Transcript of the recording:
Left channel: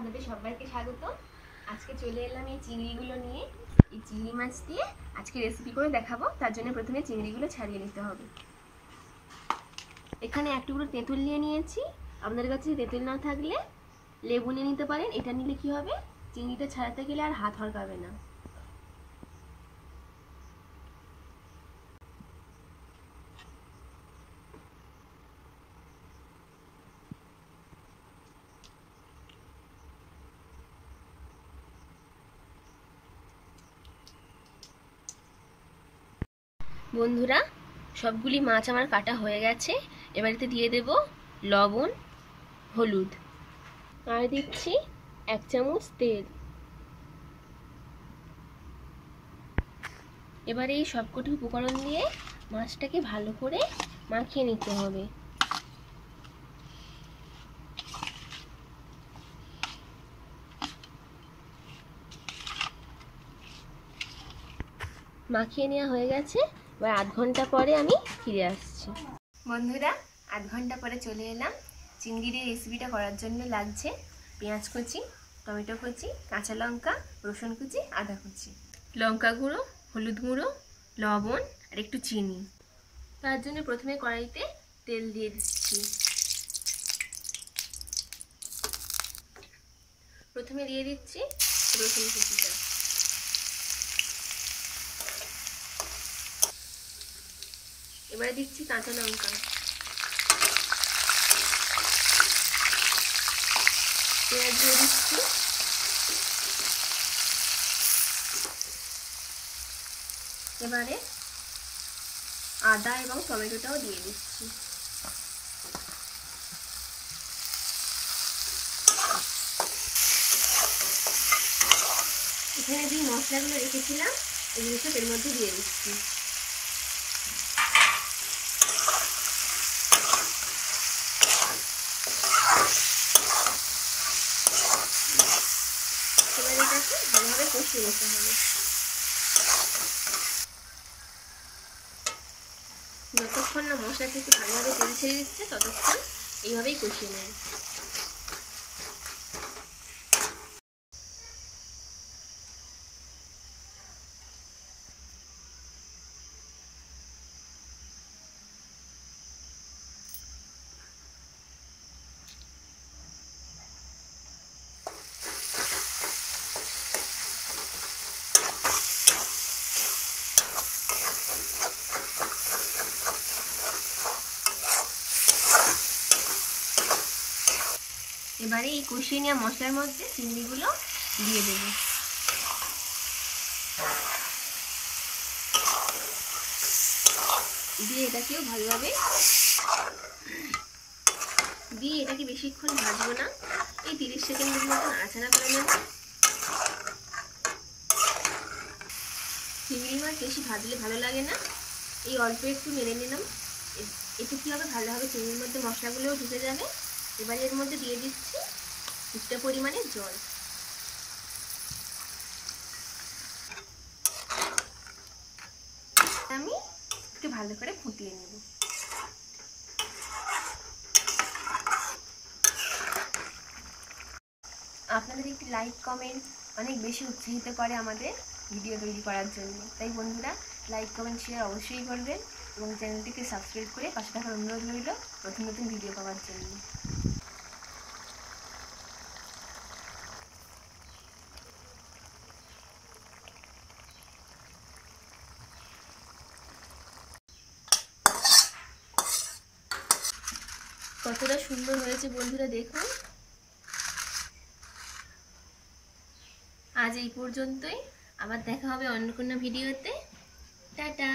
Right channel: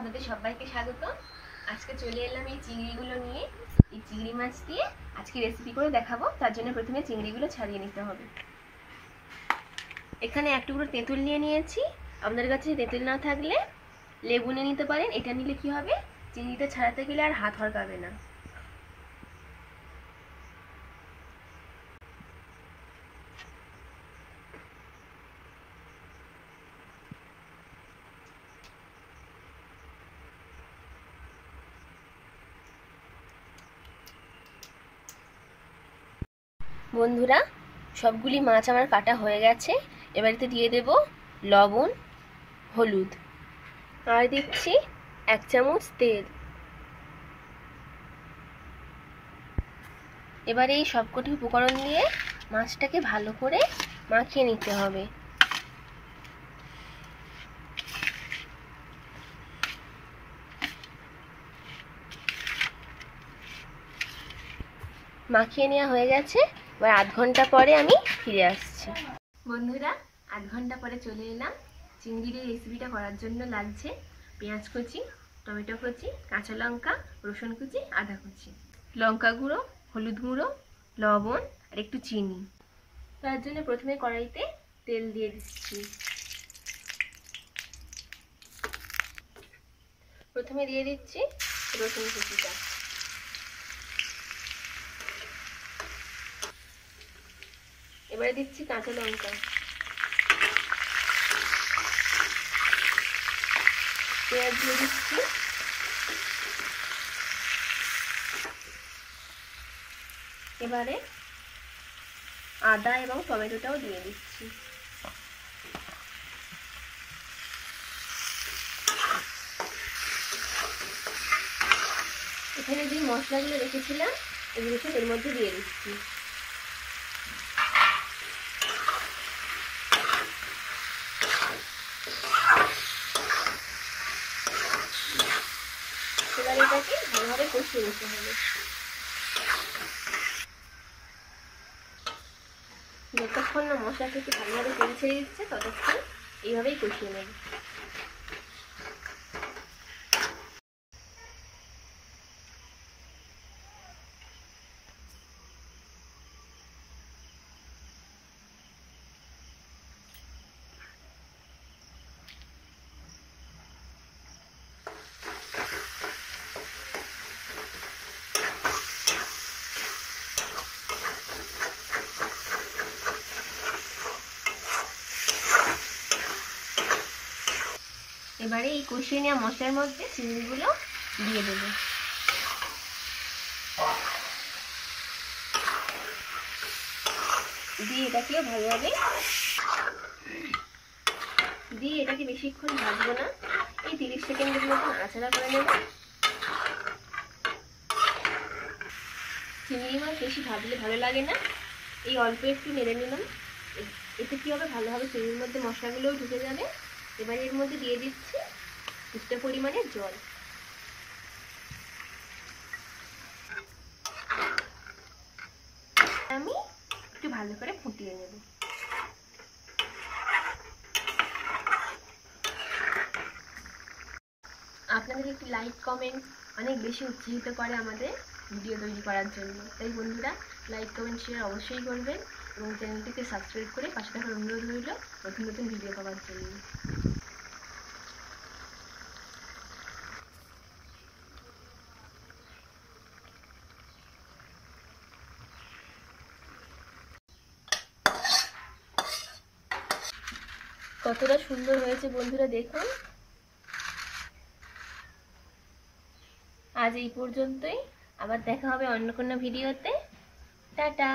আপনাদের সবাইকে স্বাগত। আজকে চলে এলাম এই চিংড়িগুলো নিয়ে। এই চিংড়ি মাছ দিয়ে আজকে রেসিপি করে দেখাবো। তার জন্য প্রথমে চিংড়িগুলো ছাড়িয়ে নিতে হবে। এখানে এক টুকরো তেঁতুল নিয়ে নিয়েছি। আপনাদের কাছে তেঁতুল না থাকলে লেবু নিয়ে নিতে পারেন। এটা নিলে কি হবে, চিংড়িটা ছাড়াতে গেলে আর হাত হড়কাবে না। বন্ধুরা, সবগুলি মাছ আমার কাটা হয়ে গেছে। এবারেতে দিয়ে দেব লবণ, হলুদ, আর দিচ্ছি 1 চামচ তেল। এবারে এই সবকটি উপকরণ দিয়ে মাছটাকে ভালো করে মাখিয়ে নিতে হবে। মাখিয়ে নেওয়া হয়ে গেছে। এবার 1/2 ঘন্টা পরে আমি ফিরে আসছি। বন্ধুরা, 1/2 ঘন্টা পরে চলে এলাম। চিংড়ির এই রেসিপিটা করার জন্য লাগছে পেঁয়াজ কুচি, টমেটো কুচি, কাঁচা লঙ্কা, রসুন কুচি, আদা কুচি, লঙ্কা গুঁড়ো, হলুদ গুঁড়ো, লবণ আর একটু চিনি। তার জন্য প্রথমে কড়াইতে তেল দিয়ে দিচ্ছি। প্রথমে দিয়ে দিচ্ছি রসুন কুচিটা। এবারে দিচ্ছি কাঁচা লঙ্কা, পেঁয়াজ দিয়ে দিচ্ছি, এবারে আদা এবং টমেটোটাও দিয়ে দিচ্ছি। এখানে যে মশলাগুলো রেখেছিলাম এগুলো সব এর মধ্যে দিয়ে দিচ্ছি। এবার এটাকে ভালোভাবে কষিয়ে নিতে হবে। যতক্ষণ না মশলা থেকে ভালোভাবে তেল ছেড়ে দিচ্ছে ততক্ষণ এইভাবেই কষিয়ে নেব। এবারে এই কষিয়ে নেওয়া মশলার মধ্যে চিংড়িগুলো দিয়ে দেব। দিয়ে এটাকে ভালোভাবে এটাকে বেশিক্ষণ ভাজবো না, এই 30 সেকেন্ডের মতো নাড়াচাড়া করে নেব। চিংড়ি মাছ বেশি ভাজলে ভালো লাগে না, এই অল্প একটু নেড়ে নিলাম। এতে কি হবে, ভালোভাবে চিংড়ির মধ্যে মশলাগুলোও ঢুকে যাবে। এবার এর মধ্যে দিয়ে দিচ্ছি কিছুটা পরিমাণে জল। আমি একটু ভালো করে ফুটিয়ে নেব। আপনাদের একটি লাইক কমেন্ট অনেক বেশি উৎসাহিত করে আমাদের ভিডিও তৈরি করার জন্য। তাই বন্ধুরা, লাইক কমেন্ট শেয়ার অবশ্যই করবেন এবং চ্যানেলটিকে সাবস্ক্রাইব করে পাশে থাকার অনুরোধ রইল নতুন নতুন ভিডিও পাওয়ার জন্য। কতটা সুন্দর হয়েছে বন্ধুরা, দেখুন। আজ এই পর্যন্তই, আবার দেখা হবে অন্য কোনো ভিডিওতে। টাটা।